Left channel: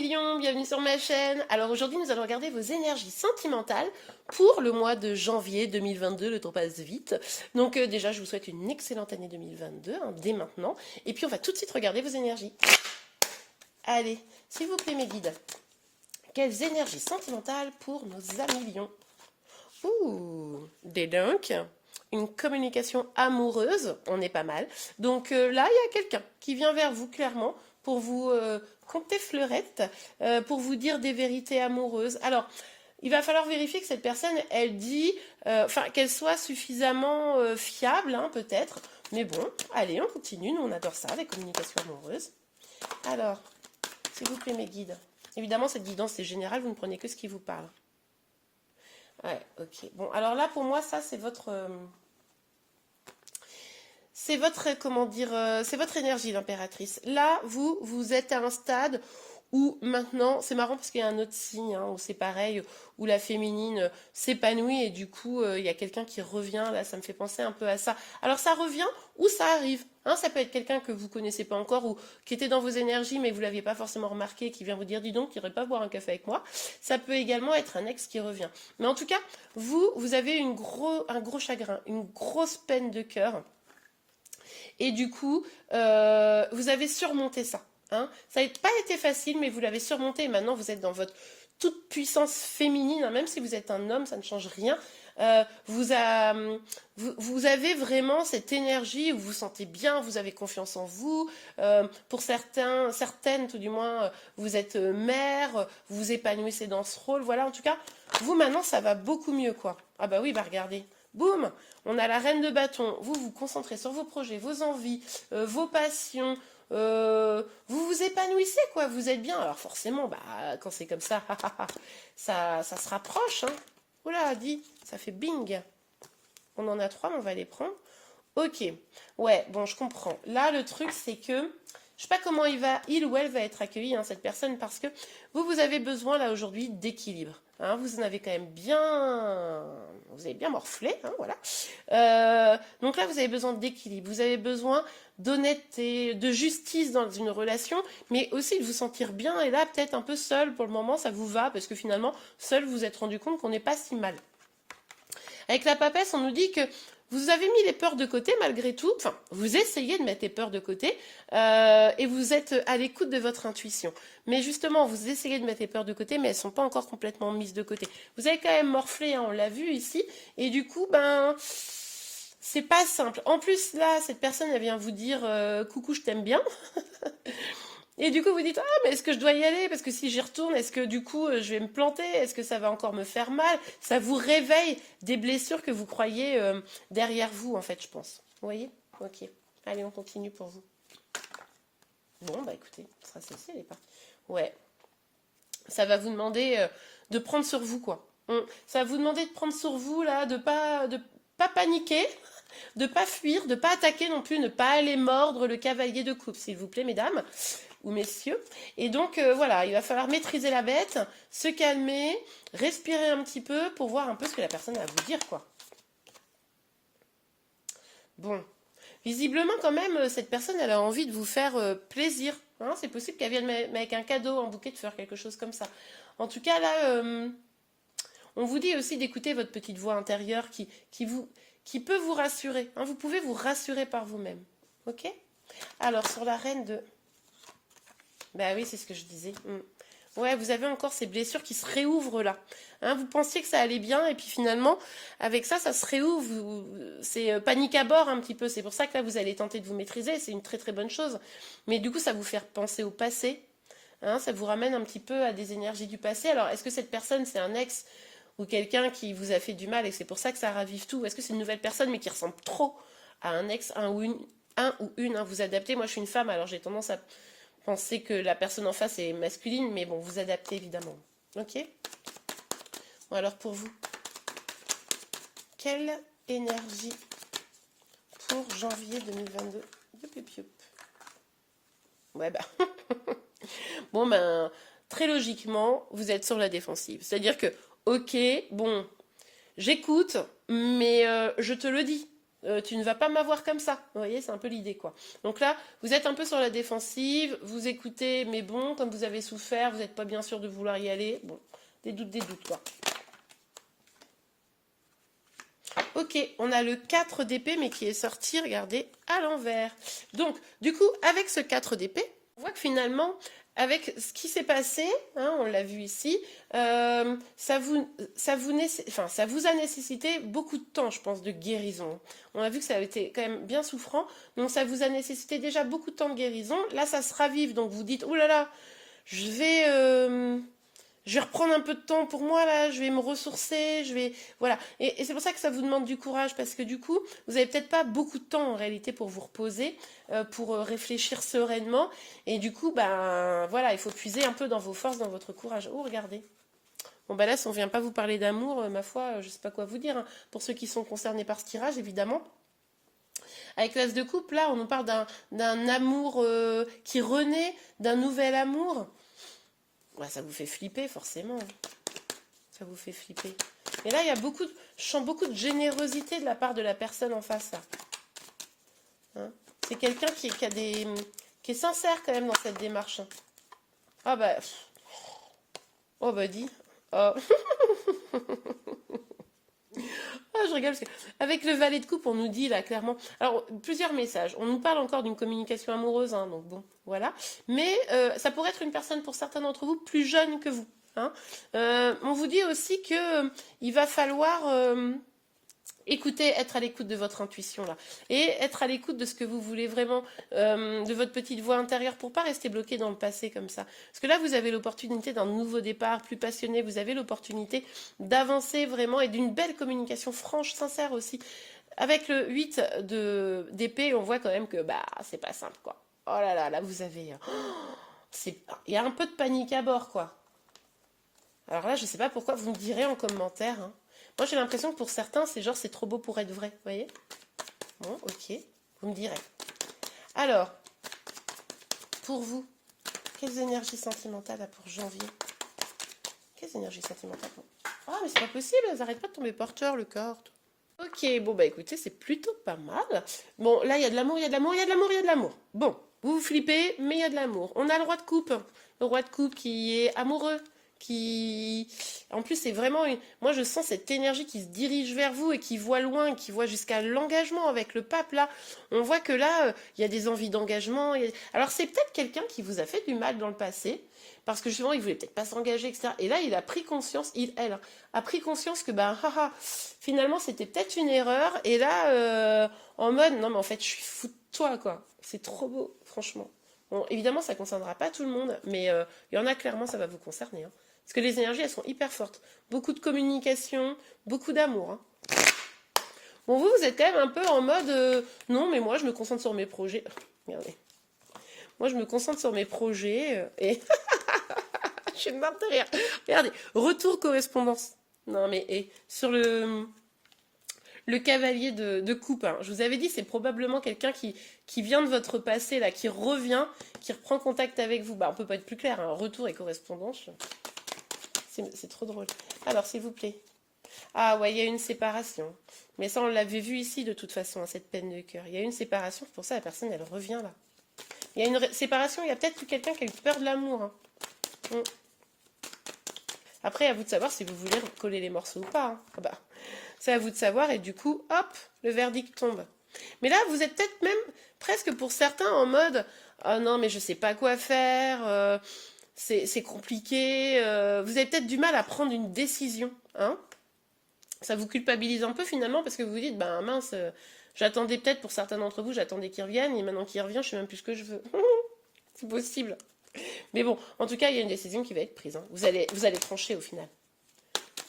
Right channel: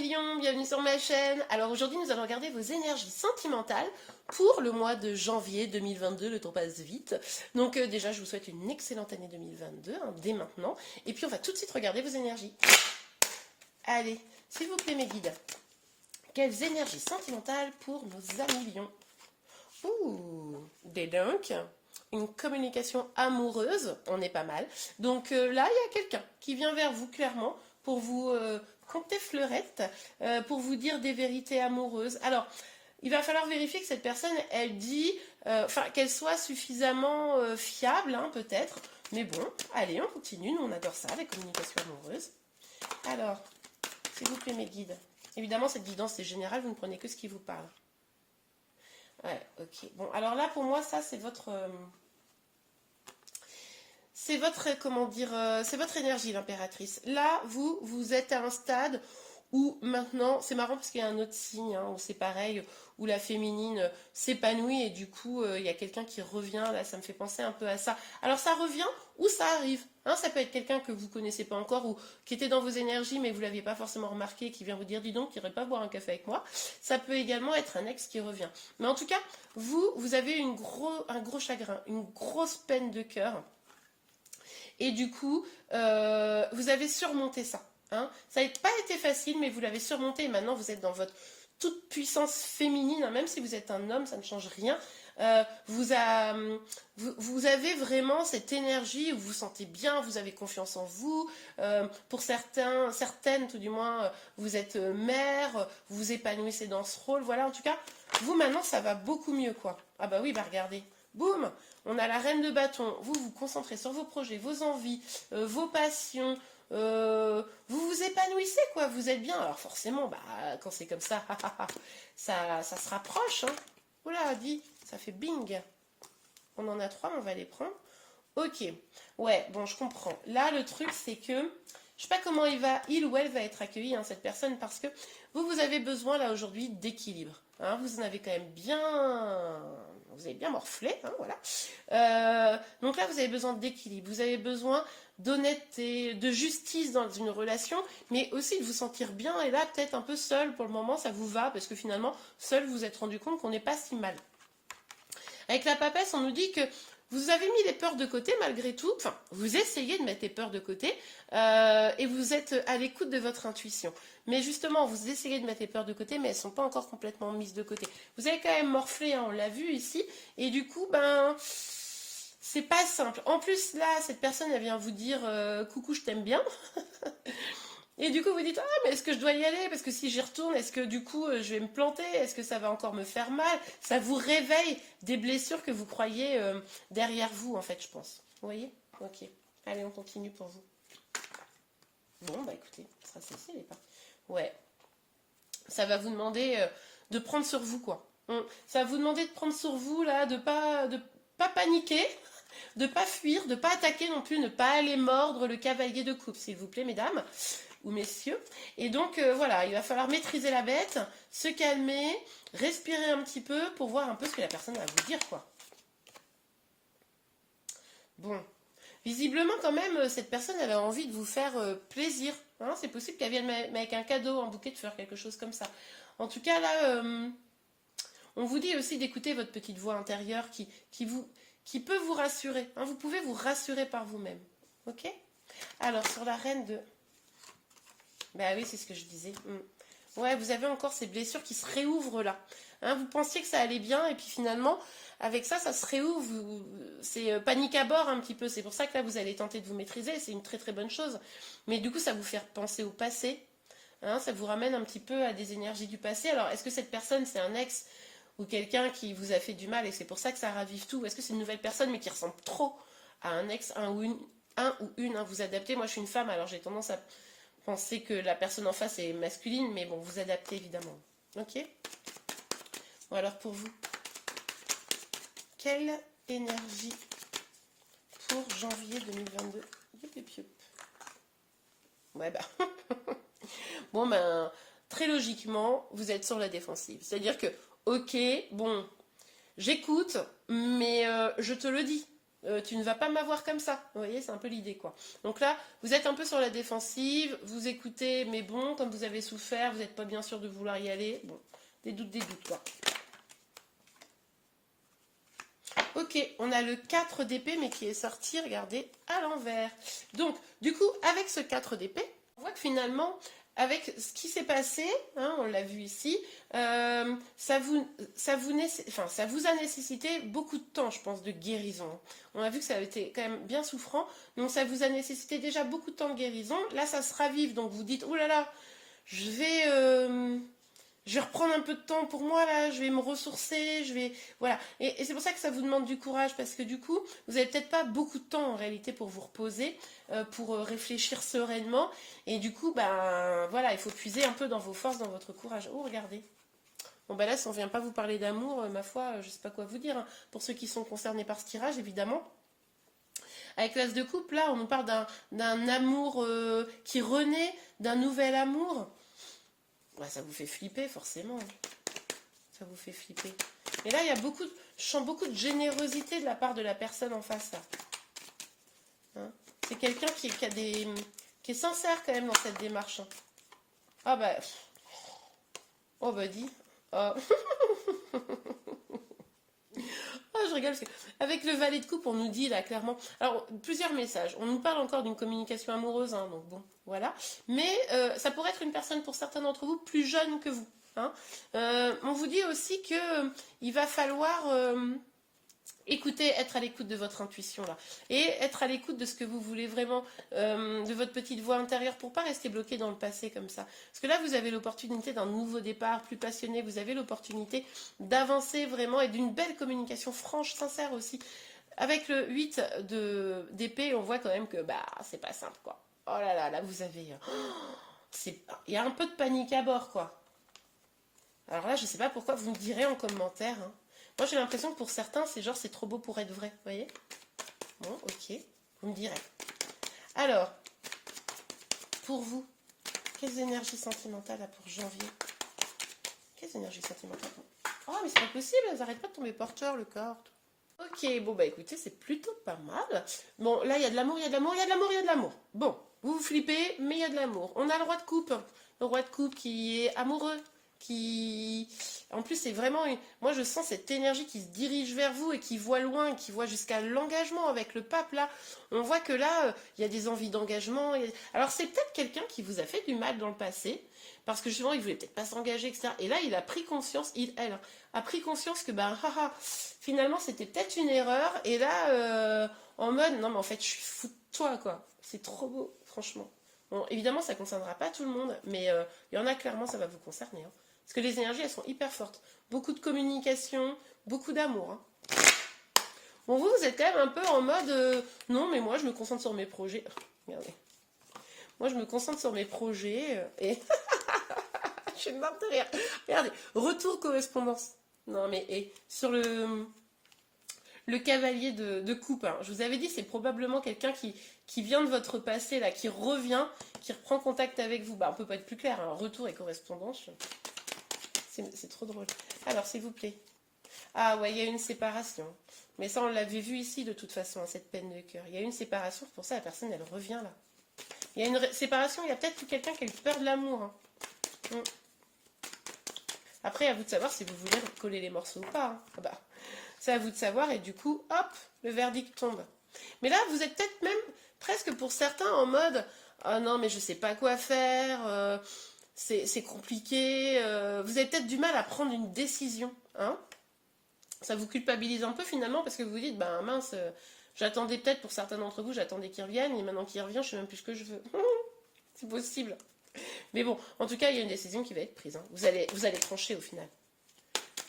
millions, bienvenue sur ma chaîne. Alors aujourd'hui nous allons regarder vos énergies sentimentales pour le mois de janvier 2022, le temps passe vite. Donc déjà je vous souhaite une excellente année 2022, hein, dès maintenant. Et puis on va tout de suite regarder vos énergies. Allez, s'il vous plaît mes guides, quelles énergies sentimentales pour nos amis lions? Ouh, des dunks, une communication amoureuse, on est pas mal. Donc là, il y a quelqu'un qui vient vers vous clairement pour vous conter fleurette, pour vous dire des vérités amoureuses. Alors, il va falloir vérifier que cette personne, elle dit, qu'elle soit suffisamment fiable, hein, peut-être. Mais bon, allez, on continue, nous on adore ça, les communications amoureuses. Alors, s'il vous plaît mes guides. Évidemment, cette guidance c'est général, vous ne prenez que ce qui vous parle. Ouais, ok. Bon, alors là, pour moi, ça, c'est votre... comment dire, c'est votre énergie, l'impératrice. Là, vous êtes à un stade où maintenant, c'est marrant parce qu'il y a un autre signe, hein, où c'est pareil, où la féminine s'épanouit et du coup, il y a quelqu'un qui revient, là, ça me fait penser un peu à ça. Alors, ça revient ou ça arrive, hein, ça peut être quelqu'un que vous connaissez pas encore ou qui était dans vos énergies mais que vous l'aviez pas forcément remarqué, qui vient vous dire, dis donc, tu irais pas boire un café avec moi. Ça peut également être un ex qui revient. Mais en tout cas, vous avez un gros chagrin, une grosse peine de cœur. Et du coup, vous avez surmonté ça. Hein. Ça n'a pas été facile, mais vous l'avez surmonté. Et maintenant, vous êtes dans votre toute puissance féminine. Hein. Même si vous êtes un homme, ça ne change rien. Vous avez vraiment cette énergie où vous vous sentez bien, vous avez confiance en vous. Pour certaines tout du moins, vous êtes mère, vous vous épanouissez dans ce rôle. Voilà, en tout cas, vous maintenant, ça va beaucoup mieux, quoi. Ah bah oui, bah regardez. Boum, on a la reine de bâton. Vous vous concentrez sur vos projets, vos envies, vos passions. Vous vous épanouissez, quoi. Vous êtes bien. Alors forcément, bah, quand c'est comme ça, ça se rapproche. Hein. Oula, dit, ça fait bing. On en a 3, on va les prendre. Ok. Ouais, bon, je comprends. Là, le truc, c'est que je sais pas comment il ou elle va être accueilli, hein, cette personne, parce que vous avez besoin, là, aujourd'hui, d'équilibre. Hein, vous en avez quand même vous avez bien morflé, hein, voilà. Donc là, vous avez besoin d'équilibre. Vous avez besoin d'honnêteté, de justice dans une relation, mais aussi de vous sentir bien. Et là, peut-être un peu seul pour le moment, ça vous va, parce que finalement, seul, vous vous êtes rendu compte qu'on n'est pas si mal. Avec la papesse, on nous dit que vous avez mis les peurs de côté malgré tout. Enfin, vous essayez de mettre les peurs de côté et vous êtes à l'écoute de votre intuition. Mais justement, vous essayez de mettre les peurs de côté, mais elles ne sont pas encore complètement mises de côté. Vous avez quand même morflé, hein, on l'a vu ici. Et du coup, c'est pas simple. En plus, là, cette personne, elle vient vous dire coucou, je t'aime bien. Et du coup, vous dites, ah, mais est-ce que je dois y aller? Parce que si j'y retourne, est-ce que du coup, je vais me planter? Est-ce que ça va encore me faire mal? Ça vous réveille des blessures que vous croyez derrière vous, en fait, je pense. Vous voyez? Ok. Allez, on continue pour vous. Bon, bah écoutez, ça c'est les pas. Ouais. Ça va vous demander de prendre sur vous, quoi. Ça va vous demander de prendre sur vous, là, de pas paniquer, de pas fuir, de pas attaquer non plus, ne pas aller mordre le cavalier de coupe, s'il vous plaît, mesdames ou messieurs. Et donc, voilà, il va falloir maîtriser la bête, se calmer, respirer un petit peu pour voir un peu ce que la personne a à vous dire, quoi. Bon. Visiblement, quand même, cette personne, elle a envie de vous faire plaisir. Hein, c'est possible qu'elle vienne avec un cadeau en bouquet, de faire quelque chose comme ça. En tout cas, là, on vous dit aussi d'écouter votre petite voix intérieure qui peut vous rassurer. Hein, vous pouvez vous rassurer par vous-même. Ok? Alors, sur la reine de... Ben oui, c'est ce que je disais. Ouais, vous avez encore ces blessures qui se réouvrent là. Hein, vous pensiez que ça allait bien et puis finalement, avec ça, ça se réouvre. C'est panique à bord un petit peu. C'est pour ça que là, vous allez tenter de vous maîtriser. C'est une très très bonne chose. Mais du coup, ça vous fait penser au passé. Hein, ça vous ramène un petit peu à des énergies du passé. Alors, est-ce que cette personne, c'est un ex ou quelqu'un qui vous a fait du mal et c'est pour ça que ça ravive tout? Est-ce que c'est une nouvelle personne mais qui ressemble trop à un ex, un ou une, hein, vous adaptez. Moi, je suis une femme, alors j'ai tendance à penser que la personne en face est masculine, mais bon, vous adaptez évidemment. Ok? Bon, alors pour vous, quelle énergie pour janvier 2022? Ouais, bah. Bon, ben, très logiquement, vous êtes sur la défensive. C'est-à-dire que, ok, bon, j'écoute, mais je te le dis. tu ne vas pas m'avoir comme ça. Vous voyez, c'est un peu l'idée, quoi. Donc là, vous êtes un peu sur la défensive, vous écoutez, mais bon, comme vous avez souffert, vous n'êtes pas bien sûr de vouloir y aller. Bon, des doutes, quoi. Ok, on a le 4 d'épée, mais qui est sorti, regardez, à l'envers. Donc, du coup, avec ce 4 d'épée, on voit que finalement, avec ce qui s'est passé, hein, on l'a vu ici, ça vous a nécessité beaucoup de temps, je pense, de guérison. On a vu que ça a été quand même bien souffrant, donc ça vous a nécessité déjà beaucoup de temps de guérison. Là, ça se ravive, donc vous dites, oh là là, je vais... je vais reprendre un peu de temps pour moi là, je vais me ressourcer, je vais voilà. Et c'est pour ça que ça vous demande du courage parce que du coup, vous avez peut-être pas beaucoup de temps en réalité pour vous reposer, pour réfléchir sereinement. Et du coup, ben voilà, il faut puiser un peu dans vos forces, dans votre courage. Oh, regardez. Bon ben là, si on vient pas vous parler d'amour, ma foi, je sais pas quoi vous dire, hein. Pour ceux qui sont concernés par ce tirage, évidemment. Avec l'as de coupe, là, on nous parle d'un amour qui renaît, d'un nouvel amour. Ouais, ça vous fait flipper, forcément. Ça vous fait flipper. Mais là, je sens beaucoup de générosité de la part de la personne en face. Hein, c'est quelqu'un qui est sincère quand même dans cette démarche. Hein. Ah bah... Oh bah dis. Oh. Ah, je rigole. Avec le valet de coupe, on nous dit là clairement. Alors, plusieurs messages. On nous parle encore d'une communication amoureuse, hein, donc bon, voilà. Mais ça pourrait être une personne, pour certains d'entre vous, plus jeune que vous. Hein. On vous dit aussi que il va falloir écouter, être à l'écoute de votre intuition là, et être à l'écoute de ce que vous voulez vraiment, de votre petite voix intérieure, pour pas rester bloqué dans le passé comme ça. Parce que là, vous avez l'opportunité d'un nouveau départ, plus passionné. Vous avez l'opportunité d'avancer vraiment et d'une belle communication franche, sincère aussi. Avec le 8 d'épée, on voit quand même que bah c'est pas simple quoi. Oh là là, là vous avez, il y a un peu de panique à bord quoi. Alors là, je sais pas pourquoi, vous me direz en commentaire. Hein. Moi, j'ai l'impression que pour certains, c'est genre, c'est trop beau pour être vrai. Vous voyez? Bon, ok. Vous me direz. Alors, pour vous, quelles énergies sentimentales là, pour janvier? Quelles énergies sentimentales? Ah, mais c'est pas possible, elles n'arrêtent pas de tomber porteur, le corps. Ok, bon, bah écoutez, c'est plutôt pas mal. Bon, là, il y a de l'amour, il y a de l'amour, il y a de l'amour, il y a de l'amour. Bon, vous vous flippez, mais il y a de l'amour. On a le roi de coupe. Le roi de coupe qui est amoureux, qui... En plus, c'est vraiment... Moi, je sens cette énergie qui se dirige vers vous et qui voit loin, qui voit jusqu'à l'engagement avec le pape, là. On voit que là, il y a des envies d'engagement. Alors, c'est peut-être quelqu'un qui vous a fait du mal dans le passé, parce que justement, il voulait peut-être pas s'engager, etc. Et là, il a pris conscience, elle, hein, a pris conscience que, ben, finalement, c'était peut-être une erreur. Et là, en mode, non, mais en fait, je suis fou de toi, quoi. C'est trop beau, franchement. Bon, évidemment, ça ne concernera pas tout le monde, mais il y en a clairement, ça va vous concerner. Hein. Parce que les énergies, elles sont hyper fortes. Beaucoup de communication, beaucoup d'amour. Hein. Bon, vous êtes quand même un peu en mode, non, mais moi, je me concentre sur mes projets. Regardez. Moi, je me concentre sur mes projets et... je suis morte de rire. Regardez, retour correspondance. Non, mais sur le cavalier de coupe, hein. Je vous avais dit, c'est probablement quelqu'un qui vient de votre passé, là, qui revient, qui reprend contact avec vous. Bah, on peut pas être plus clair, hein. Retour et correspondance. C'est trop drôle. Alors, s'il vous plaît. Ah ouais, il y a une séparation. Mais ça, on l'avait vu ici, de toute façon, hein, cette peine de cœur. Il y a une séparation, pour ça, la personne, elle revient, là. Il y a une séparation, il y a peut-être quelqu'un qui a eu peur de l'amour. Hein. Après, à vous de savoir si vous voulez coller les morceaux ou pas. Hein. Ah bah, c'est à vous de savoir, et du coup, hop, le verdict tombe. Mais là, vous êtes peut-être même presque pour certains en mode « Ah non, mais je sais pas quoi faire, c'est compliqué. Vous avez peut-être du mal à prendre une décision. Hein, ça vous culpabilise un peu finalement parce que vous vous dites « Ben mince, j'attendais peut-être pour certains d'entre vous, j'attendais qu'il revienne, et maintenant qu'il revient, je sais même plus ce que je veux. » C'est possible. Mais bon, en tout cas, il y a une décision qui va être prise. Hein. Vous allez trancher au final.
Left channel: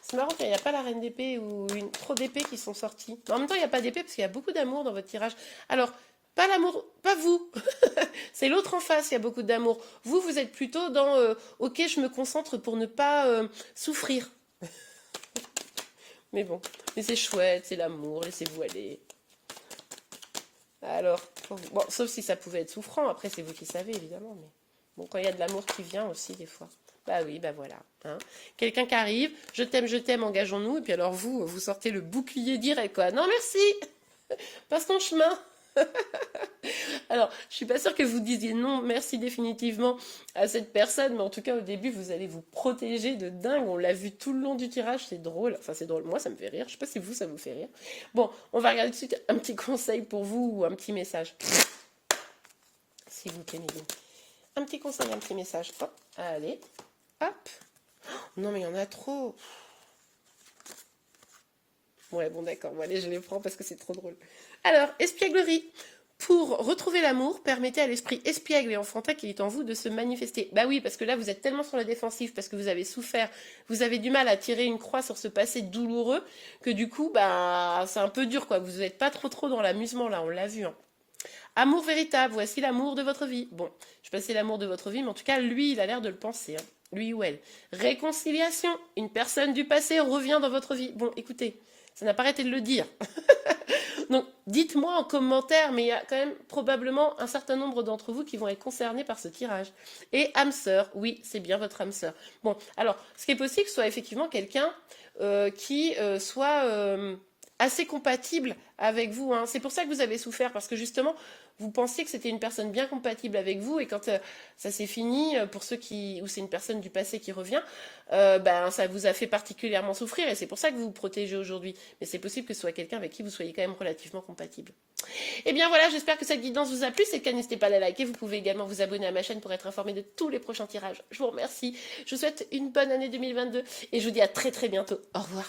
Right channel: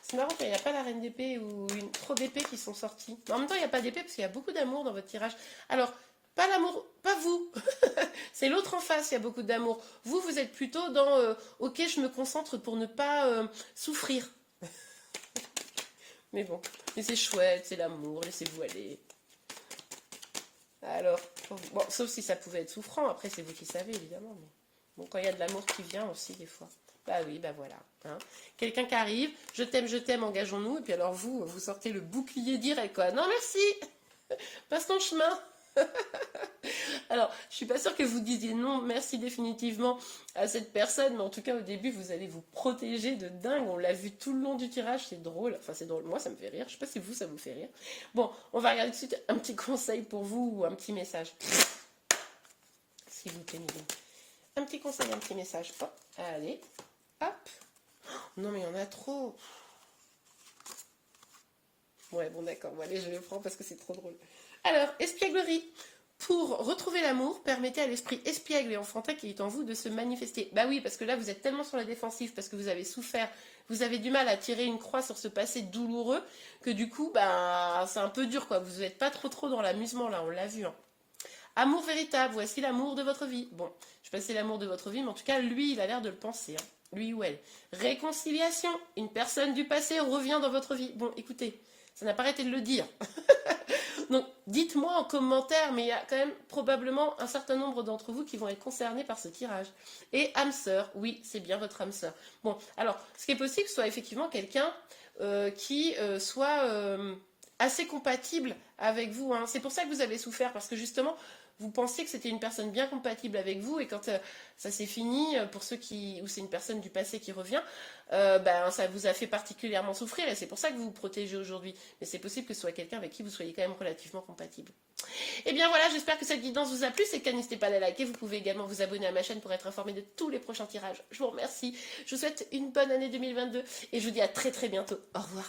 C'est marrant qu'il n'y a pas la reine d'épée ou trop d'épées qui sont sorties. Mais en même temps, il n'y a pas d'épée parce qu'il y a beaucoup d'amour dans votre tirage. Alors, pas l'amour, pas vous. C'est l'autre en face, il y a beaucoup d'amour. Vous, vous êtes plutôt dans ok, je me concentre pour ne pas souffrir. Mais bon, mais c'est chouette, c'est l'amour, laissez-vous aller. Alors, bon, sauf si ça pouvait être souffrant, après c'est vous qui savez évidemment. Mais bon, quand il y a de l'amour qui vient aussi des fois. Bah oui, bah voilà. Hein. Quelqu'un qui arrive, je t'aime, engageons-nous. Et puis alors vous sortez le bouclier direct, quoi. Non, merci. Passe ton chemin. Alors, je suis pas sûre que vous disiez non, merci définitivement à cette personne, mais en tout cas, au début, vous allez vous protéger de dingue. On l'a vu tout le long du tirage, c'est drôle. Enfin, c'est drôle. Moi, ça me fait rire. Je sais pas si vous, ça vous fait rire. Bon, on va regarder tout de suite un petit conseil pour vous ou un petit message. S'il vous plaît, Mélanie. Un petit conseil, un petit message. Hop, allez, hop. Non, mais il y en a trop. Ouais, bon, d'accord. Bon, allez, je les prends parce que c'est trop drôle. Alors, espièglerie. Pour retrouver l'amour, permettez à l'esprit espiègle et enfantin qui est en vous de se manifester. Bah oui, parce que là, vous êtes tellement sur la défensive, parce que vous avez souffert, vous avez du mal à tirer une croix sur ce passé douloureux, que du coup, bah, c'est un peu dur, quoi. Vous n'êtes pas trop dans l'amusement, là, on l'a vu, hein. Amour véritable, voici l'amour de votre vie. Bon, je sais pas si c'est l'amour de votre vie, mais en tout cas, lui, il a l'air de le penser, hein. Lui ou elle. Réconciliation, une personne du passé revient dans votre vie. Bon, écoutez, ça n'a pas arrêté de le dire. Donc, dites-moi en commentaire, mais il y a quand même probablement un certain nombre d'entre vous qui vont être concernés par ce tirage. Et âme sœur, oui, c'est bien votre âme sœur. Bon, alors, ce qui est possible, que ce soit effectivement quelqu'un qui soit assez compatible avec vous, hein. C'est pour ça que vous avez souffert, parce que justement, vous pensiez que c'était une personne bien compatible avec vous, et quand ça s'est fini, pour ceux où c'est une personne du passé qui revient, ben, ça vous a fait particulièrement souffrir, et c'est pour ça que vous vous protégez aujourd'hui. Mais c'est possible que ce soit quelqu'un avec qui vous soyez quand même relativement compatible. Et bien voilà, j'espère que cette guidance vous a plu. C'est le cas, n'hésitez pas à la liker. Vous pouvez également vous abonner à ma chaîne pour être informé de tous les prochains tirages. Je vous remercie. Je vous souhaite une bonne année 2022 et je vous dis à très bientôt. Au revoir.